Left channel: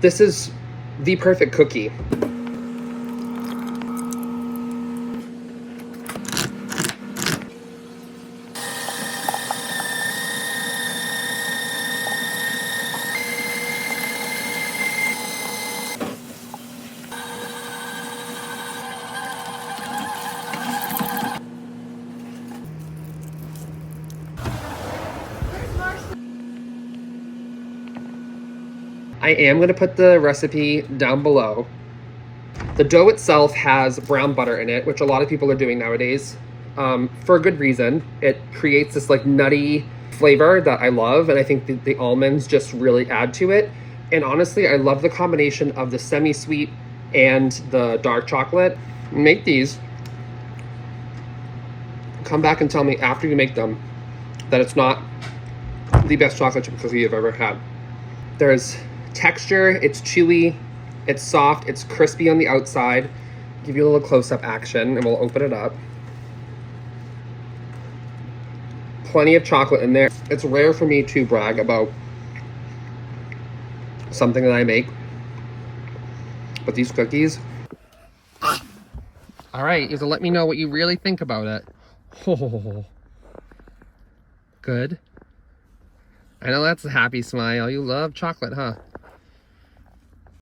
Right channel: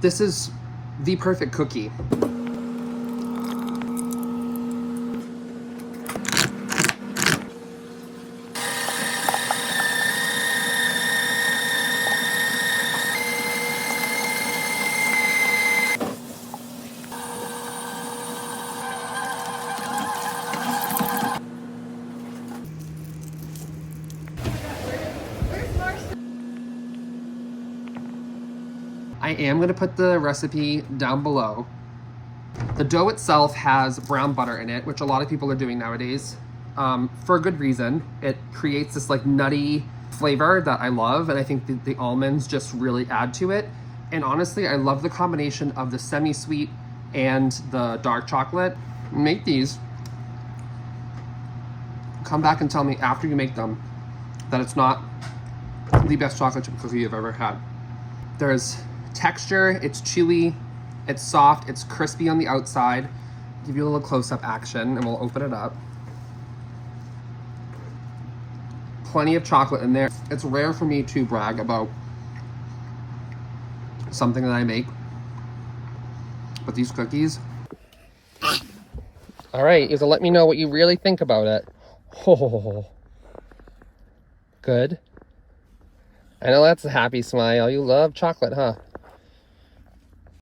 This is the perfect cookie. I am going to put the recipe down below. The dough itself has brown butter in it, which a lot of people are doing nowadays, for a good reason. It creates this like nutty flavor that I love, and I think the almonds just really add to it. And honestly, I love the combination of the semi-sweet and the dark chocolate. Make these. Come back and tell me after you make them that it's not the best chocolate chip cookie you've ever had. There's texture, it's chewy, it's soft, it's crispy on the outside. Give you a little close-up action and we'll open it up. Plenty of chocolate in there. It's rare for me to brag about something that I make, but these cookies. All right, you can let me know what you really think about it. Oh, good. I know that's a happy smile. You love chocolate, huh?